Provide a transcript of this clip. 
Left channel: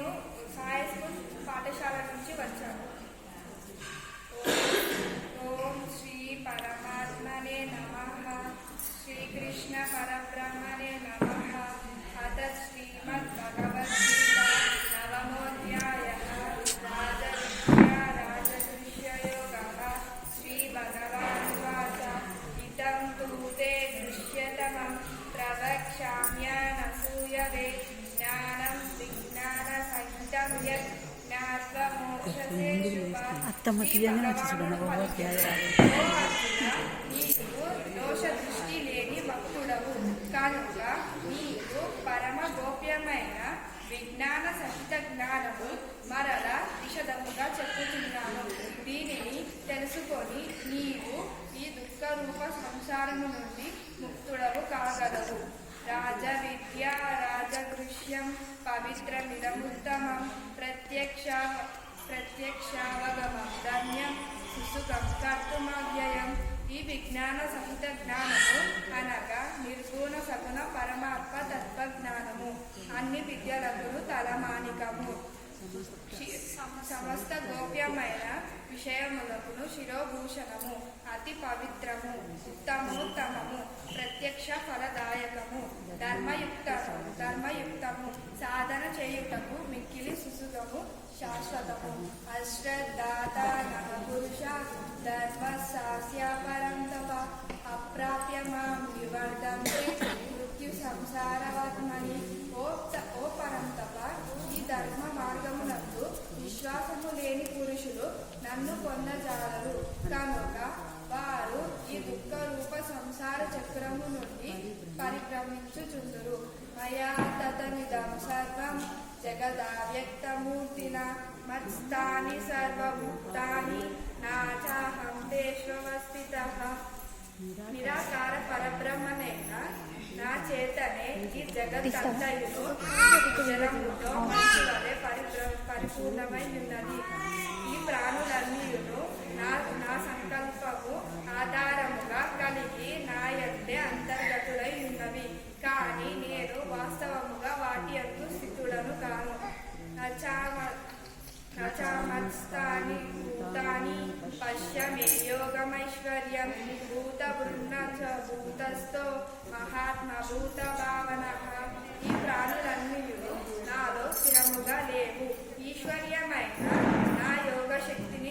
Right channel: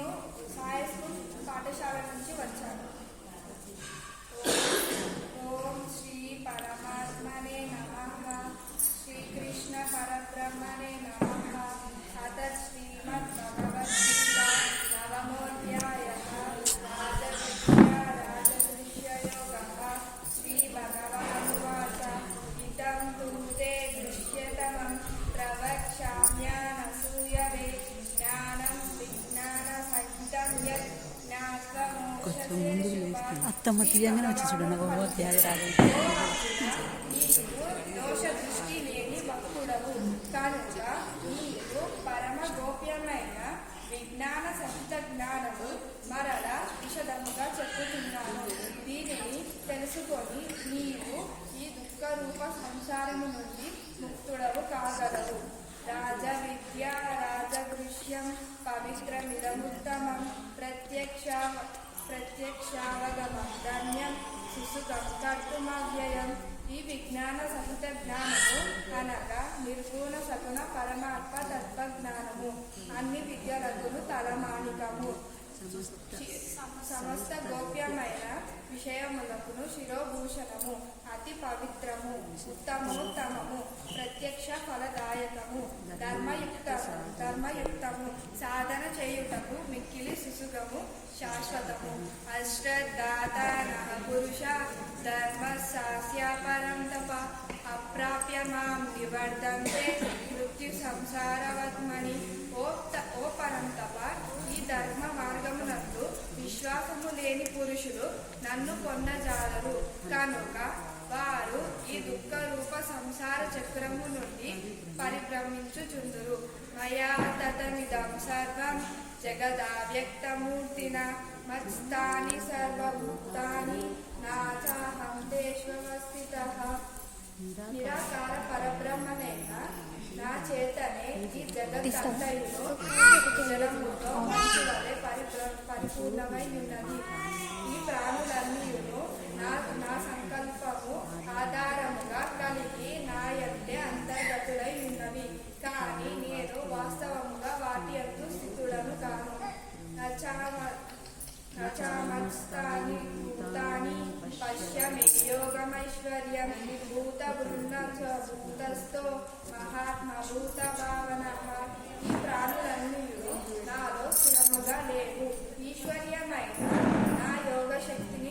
నేను సాయి స్కూల్ పాఠశాల నుంచి వచ్చాను. ఓం శ్రీ పరమాత్మనే నమ. శ్రీకృష్ణ పరబ్రహ్మనే నమ. అత శ్రీమద్ భగవద్గీత నవమోధ్యాయ రాజవిద్యా రాజదృశ్యయోగ శ్రీ భగవానువాచ. ఇతం తు దృశ్యతమం జ్ఞానం విజ్ఞాన సహితం యత్ మోక్షసే శుభాత్ అత్తమ్మ తీయగానే వచ్చి చూడండి. దోష దృష్టి లేని భక్తుడవు. కనుక నీవు పరమ గోప్యమైన విజ్ఞాన సహిత జ్ఞానము మరల విషదముగా చెప్పుతున్నాను. దీనిని తెలుసుకొని నీవు ఈ దుఃఖ రూప సంసారము నుండి ముక్తుడవు కాగలవు. రాజ విద్య రాజగృహ్యం పవిత్రమిదముత్తమం ప్రత్యక్ష ప్రత్యక్షావగమం ధన్యం సుసుఖం కర్తుమవ్యయం. ఈ విజ్ఞాన సహిత జ్ఞానము అనగా నిర్గుణ సగుణ పరమాత్మ తత్వజ్ఞానము. అన్ని విద్యలకును తలమానికము. సమస్త గోప్యమైన విషయములకును శిరోభూషణము. అతి పవిత్రము ఉత్తమోత్తమము ప్రత్యక్ష ఫలదాయకము ధర్మయుక్తము ధర్మయుక్తము సాధన చేయుటకు మిక్కిలి సుసుగము శాశ్వతము. అశ్రద్ధాత పురుష ధర్మ సాస్య పరం తప అప్రాప్య మాం నివర్ధంతే మృత్యు సంసారవత్మని ఓ త- ఓ పరంతప ఈ ధర్మ మార్గమునందు విశ్వాసము లేని పురుషులు నన్ను పొందజాలరు. కనుక వారు ఈ దుఃఖ రూప సంసార చక్రము నుండి పరిభ్రమించుచుందురు. మయా తతమిదం సర్వం జగదావ్యక్తమూర్తిన మత్స్థాని సర్వభూతాని నాచాహం చాహం నిరాకార పరబ్రహ్మనైన నా చేతనే ఈ జగత్తంతయును జలముతో మంచి వలె పరిపూర్ణమై ఉన్నది. ప్రాణులన్నీయును నా నా సంకల్పము ఆధారముగా కలిగి నా యందే అంతర్గతులై ఉన్నవి. కానీ నేను వాస్తవముగా వాటి యొక్క స్థితులను కాను. నచామత్స్థాని భూతాని పశ్యమే యోగమైశ్వర్యం భూత బృంద భూతస్థో మహాత్మ భూత భావన ఈ ప్రాణులన్నీ నాలో స్థిరముగా లేవు. ఈశ్వర్యమైన నా